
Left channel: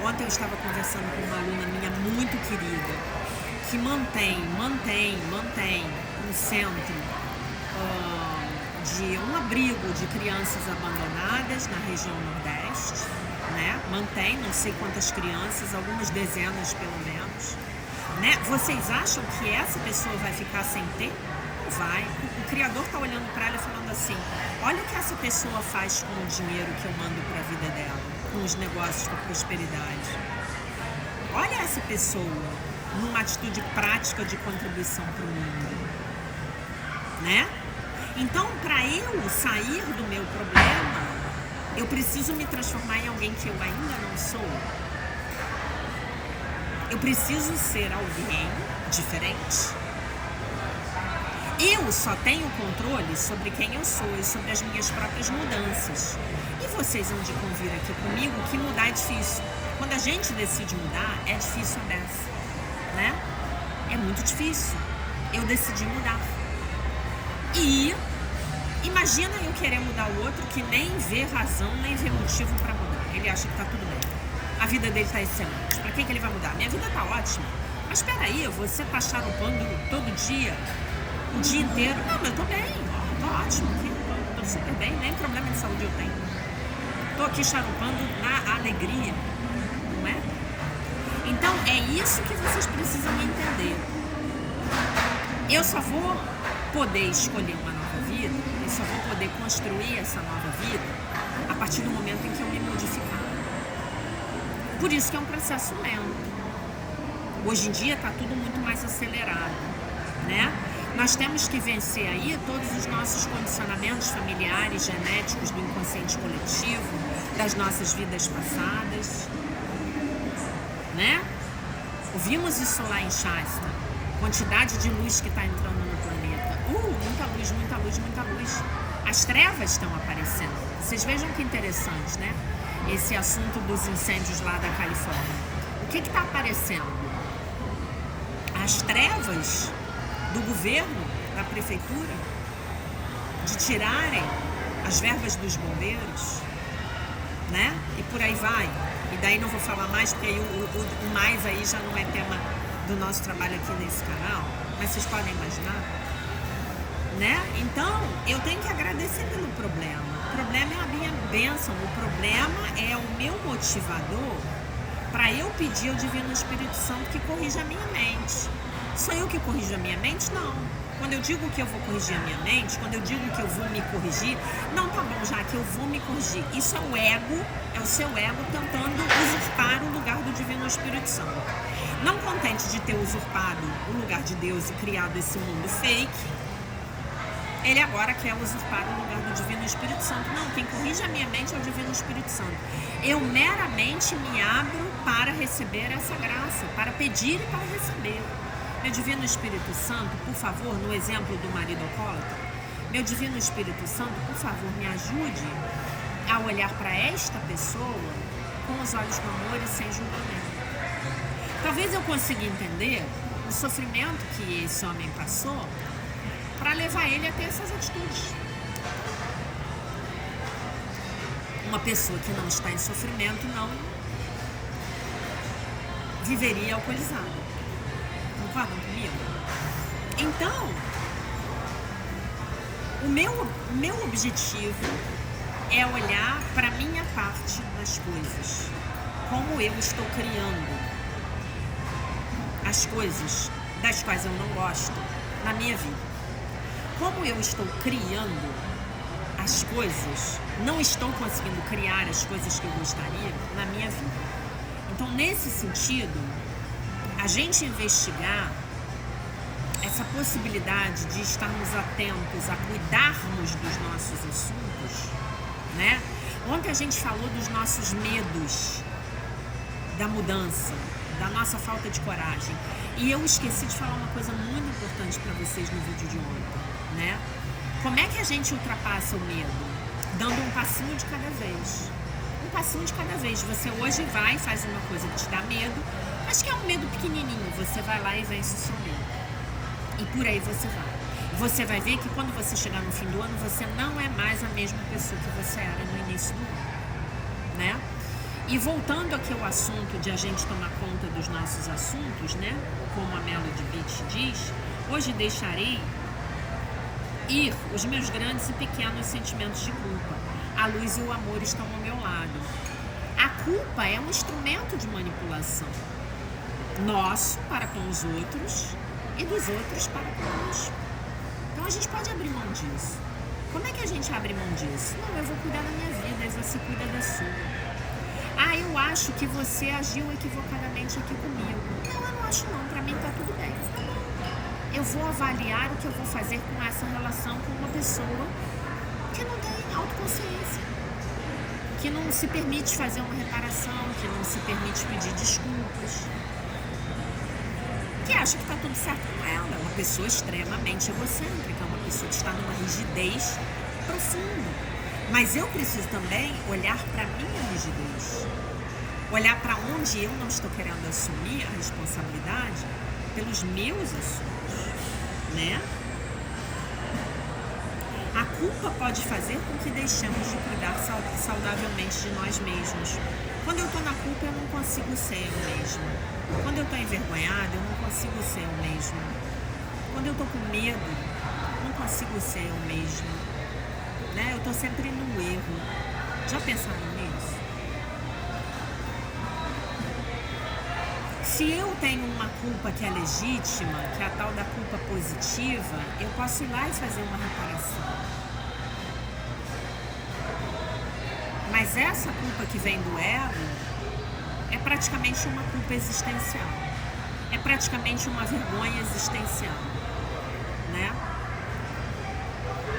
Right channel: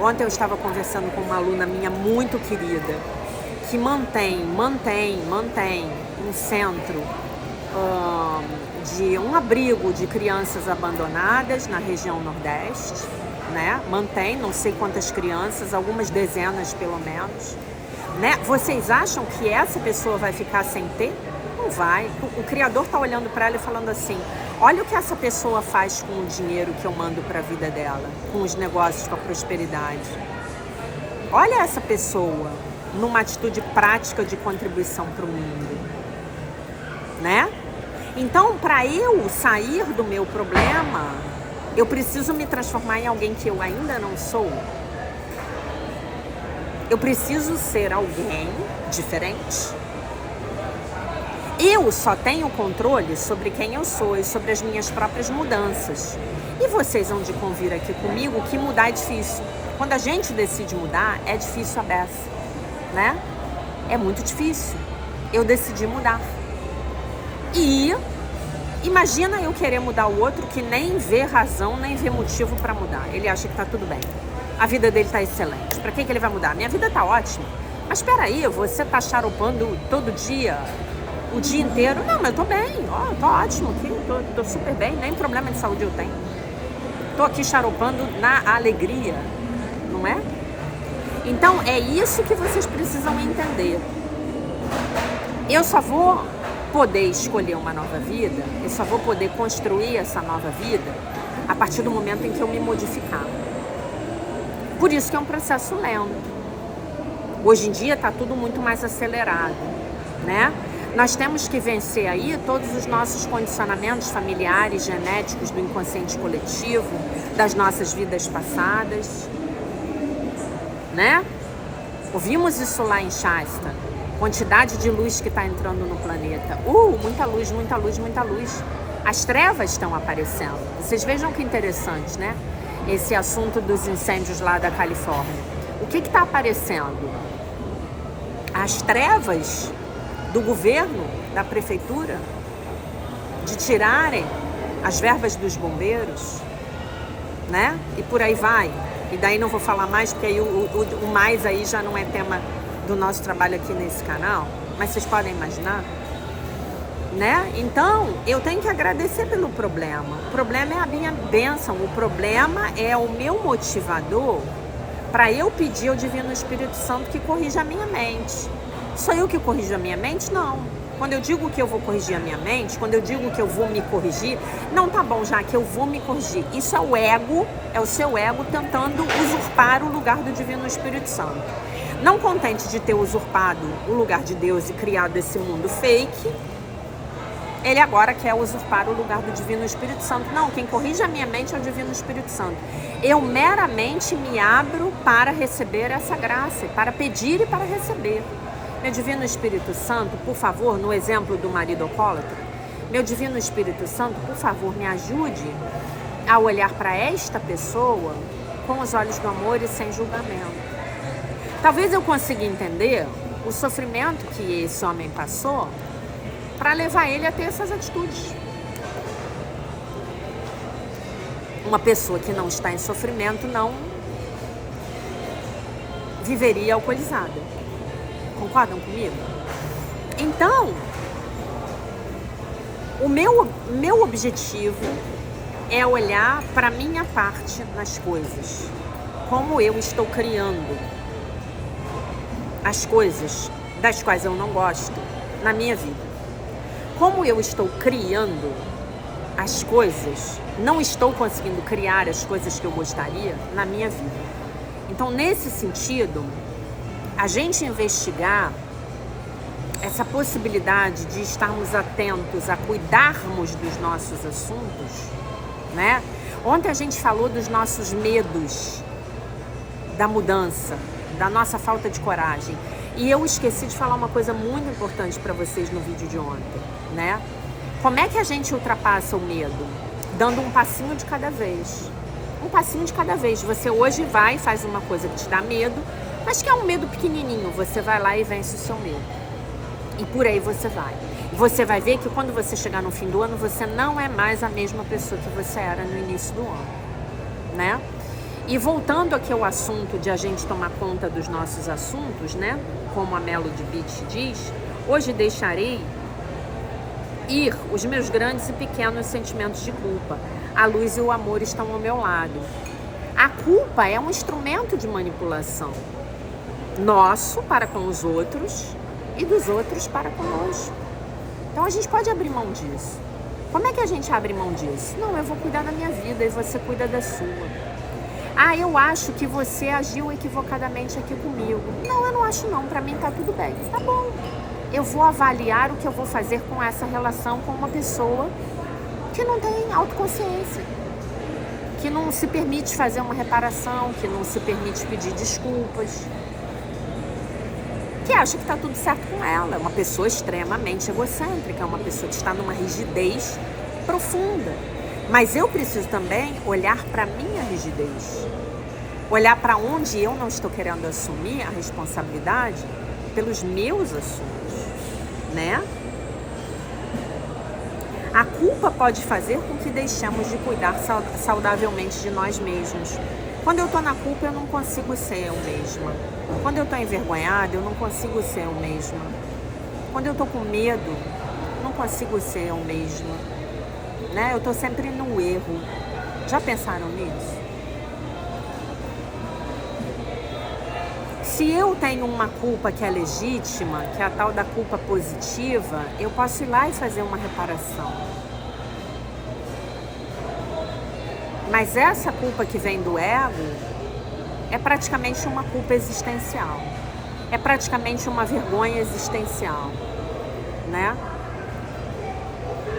Ontem eu estava conversando com uma aluna minha muito querida, que mantém um centro de um abrigo de crianças abandonadas na região Nordeste, né? Mantém não sei quantas crianças, algumas dezenas pelo menos, né? Vocês acham que essa pessoa vai ficar sem ter? Não vai. O Criador está olhando para ela e falando assim: olha o que essa pessoa faz com o dinheiro que eu mando para a vida dela, com os negócios, com a prosperidade. Olha essa pessoa numa atitude prática de contribuição para o mundo, né? Então, para eu sair do meu problema, eu preciso me transformar em alguém que eu ainda não sou. Eu preciso ser alguém diferente. Eu só tenho controle sobre quem eu sou e sobre as minhas próprias mudanças. E vocês vão de convir aqui comigo que mudar é difícil. Quando a gente decide mudar, é difícil a beça, né? É muito difícil. Eu decidi mudar. E imagina eu querer mudar o outro que nem vê razão, nem vê motivo para mudar. Ele acha que tá tudo bem. A vida dele tá excelente. Para que ele vai mudar? Minha vida tá ótima. Mas espera aí, você tá charopando todo dia, o dia inteiro? Não, mas eu tô bem. Ó, tô ótimo, tô super bem. Nem problema de saúde eu tenho. Tô aqui charopando na alegria, não é? Então é isso que vocês precisam entender. Eu só vou poder escolher uma nova vida, eu só vou poder construir essa nova vida a partir do momento em que eu me modificar. Por isso que é um processo lento. Hoje em dia está tudo muito mais acelerado, né? Nós temos que vencer aí todos os nossos condicionamentos familiares, genéticos, do inconsciente coletivo, das nossas vidas passadas, né? Ouvimos isso lá em Shasta. Quantidade de luz que está entrando no planeta. Muita luz, muita luz, muita luz. As trevas estão aparecendo. Vocês vejam que interessante, né? Esse assunto dos incêndios lá da Califórnia. O que está aparecendo? As trevas do governo, da prefeitura, de tirarem as verbas dos bombeiros, né? E por aí vai. E daí não vou falar mais, porque aí o mais aí já não é tema do nosso trabalho aqui nesse canal, mas vocês podem imaginar, né? Então, eu tenho que agradecer pelo problema. O problema é a minha bênção, o problema é o meu motivador para eu pedir ao Divino Espírito Santo que corrija a minha mente. Sou eu que corrijo a minha mente? Não. Quando eu digo que eu vou corrigir a minha mente, quando eu digo que eu vou me corrigir, não, tá bom, já que eu vou me corrigir. Isso é o ego, é o seu ego tentando usurpar o lugar do Divino Espírito Santo. Não contente de ter usurpado o lugar de Deus e criado esse mundo fake, ele agora quer usurpar o lugar do Divino Espírito Santo. Não, quem corrige a minha mente é o Divino Espírito Santo. Eu meramente me abro para receber essa graça, para pedir e para receber. Meu Divino Espírito Santo, por favor, no exemplo do marido alcoólatra, meu Divino Espírito Santo, por favor, me ajude a olhar para esta pessoa com os olhos do amor e sem julgamento. Talvez eu consiga entender o sofrimento que esse homem passou para levar ele a ter essas atitudes. Uma pessoa que não está em sofrimento não viveria alcoolizada. Concordam comigo? Então, o meu objetivo é olhar para a minha parte nas coisas. Como eu estou criando as coisas das quais eu não gosto na minha vida. Como eu estou criando as coisas, não estou conseguindo criar as coisas que eu gostaria na minha vida. Então, nesse sentido, a gente investigar essa possibilidade de estarmos atentos a cuidarmos dos nossos assuntos, né? Ontem a gente falou dos nossos medos, da mudança, da nossa falta de coragem. E eu esqueci de falar uma coisa muito importante para vocês no vídeo de ontem, né? Como é que a gente ultrapassa o medo? Dando um passinho de cada vez. Um passinho de cada vez. Você hoje vai e faz uma coisa que te dá medo, mas que é um medo pequenininho. Você vai lá e vence o seu medo. E por aí você vai. Você vai ver que quando você chegar no fim do ano, você não é mais a mesma pessoa que você era no início do ano, né? E voltando aqui ao assunto de a gente tomar conta dos nossos assuntos, né? Como a Melody Beach diz, hoje deixarei ir os meus grandes e pequenos sentimentos de culpa. A luz e o amor estão ao meu lado. A culpa é um instrumento de manipulação. Nosso para com os outros e dos outros para conosco. Então a gente pode abrir mão disso. Como é que a gente abre mão disso? Não, eu vou cuidar da minha vida e você cuida da sua. Ah, eu acho que você agiu equivocadamente aqui comigo. Não, eu não acho não. Pra mim tá tudo bem. Tá bom. Eu vou avaliar o que eu vou fazer com essa relação com uma pessoa que não tem autoconsciência, que não se permite fazer uma reparação, que não se permite pedir desculpas, que acha que tá tudo certo com ela. É uma pessoa extremamente egocêntrica, é uma pessoa que está numa rigidez profunda. Mas eu preciso também olhar para a minha rigidez, olhar para onde eu não estou querendo assumir a responsabilidade pelos meus assuntos, né? A culpa pode fazer com que deixemos de cuidar saudavelmente de nós mesmos. Quando eu estou na culpa, eu não consigo ser eu mesma. Quando eu estou envergonhada, eu não consigo ser eu mesma. Quando eu estou com medo, não consigo ser eu mesma. Né? Eu estou sempre no erro. Já pensaram nisso? Se eu tenho uma culpa que é legítima, que é a tal da culpa positiva, eu posso ir lá e fazer uma reparação. Mas essa culpa que vem do ego é praticamente uma culpa existencial. É praticamente uma vergonha existencial, né?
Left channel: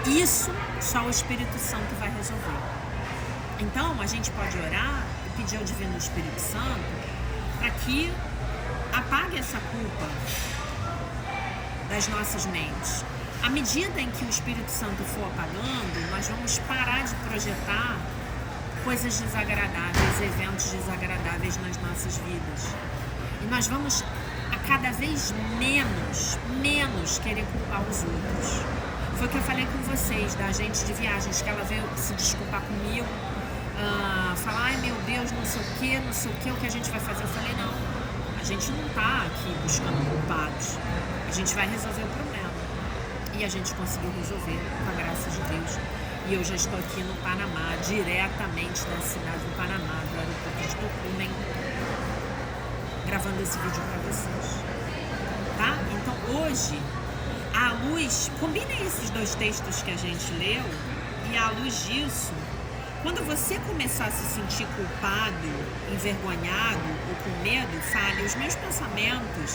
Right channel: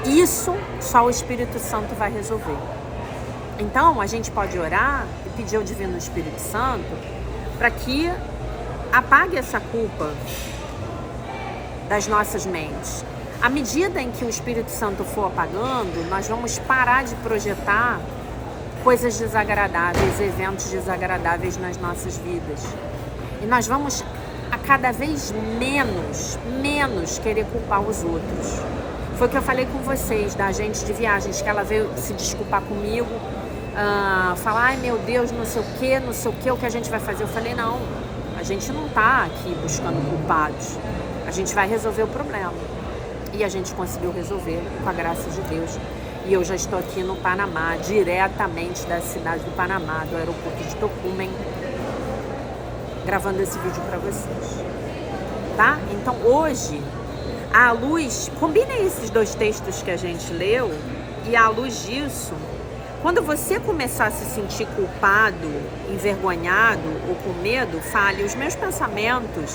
Isso só o Espírito Santo vai resolver. Então, a gente pode orar e pedir ao Divino Espírito Santo para que apague essa culpa das nossas mentes. À medida em que o Espírito Santo for apagando, nós vamos parar de projetar coisas desagradáveis, eventos desagradáveis nas nossas vidas. E nós vamos a cada vez menos querer culpar os outros. Foi o que eu falei com vocês, da agente de viagens, que ela veio se desculpar comigo, falar, ai meu Deus, não sei o que, o que a gente vai fazer? Eu falei, não, a gente não tá aqui buscando culpados, a gente vai resolver o problema. E a gente conseguiu resolver, com a graça de Deus. E eu já estou aqui no Panamá, diretamente da cidade do Panamá, do aeroporto de Tocumen, gravando esse vídeo para vocês, tá? Então hoje, à luz, combinem esses dois textos que a gente leu, e à luz disso, quando você começar a se sentir culpado, envergonhado ou com medo, fale, os meus pensamentos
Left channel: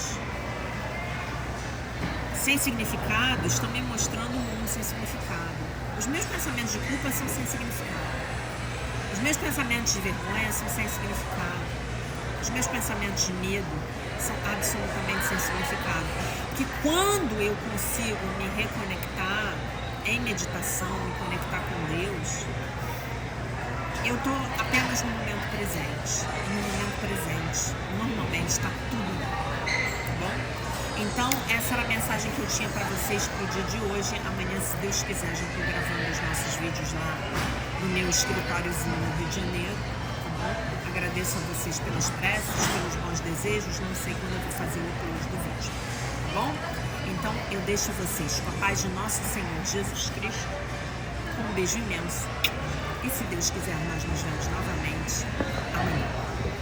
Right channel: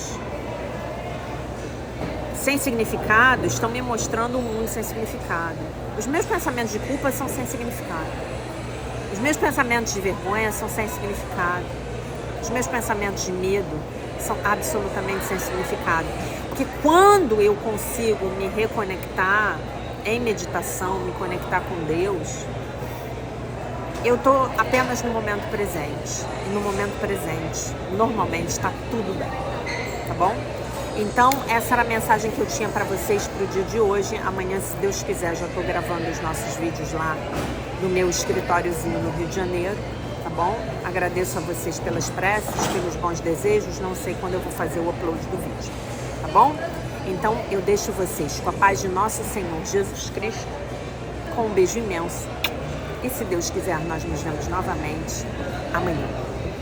sem significado estão me mostrando um mundo sem significado. Os meus pensamentos de culpa são sem significado. Os meus pensamentos de vergonha são sem significado. Os meus pensamentos de medo são absolutamente sem significado. Porque quando eu consigo me reconectar em meditação, me conectar com Deus, eu estou apenas no momento presente. E no momento presente, normalmente está tudo bem. Tá bom? Então, essa era a mensagem que eu tinha para vocês para o dia de hoje. Amanhã, se Deus quiser, já estou gravando os nossos vídeos lá no meu escritóriozinho no Rio de Janeiro, tá bom? Agradeço a vocês pelas preces, pelos bons desejos. Não sei quando eu vou fazer o upload do vídeo, tá bom? Então, eu deixo vocês com a paz de nosso Senhor Jesus Cristo, com um beijo imenso. E se Deus quiser, nós nos vemos novamente amanhã.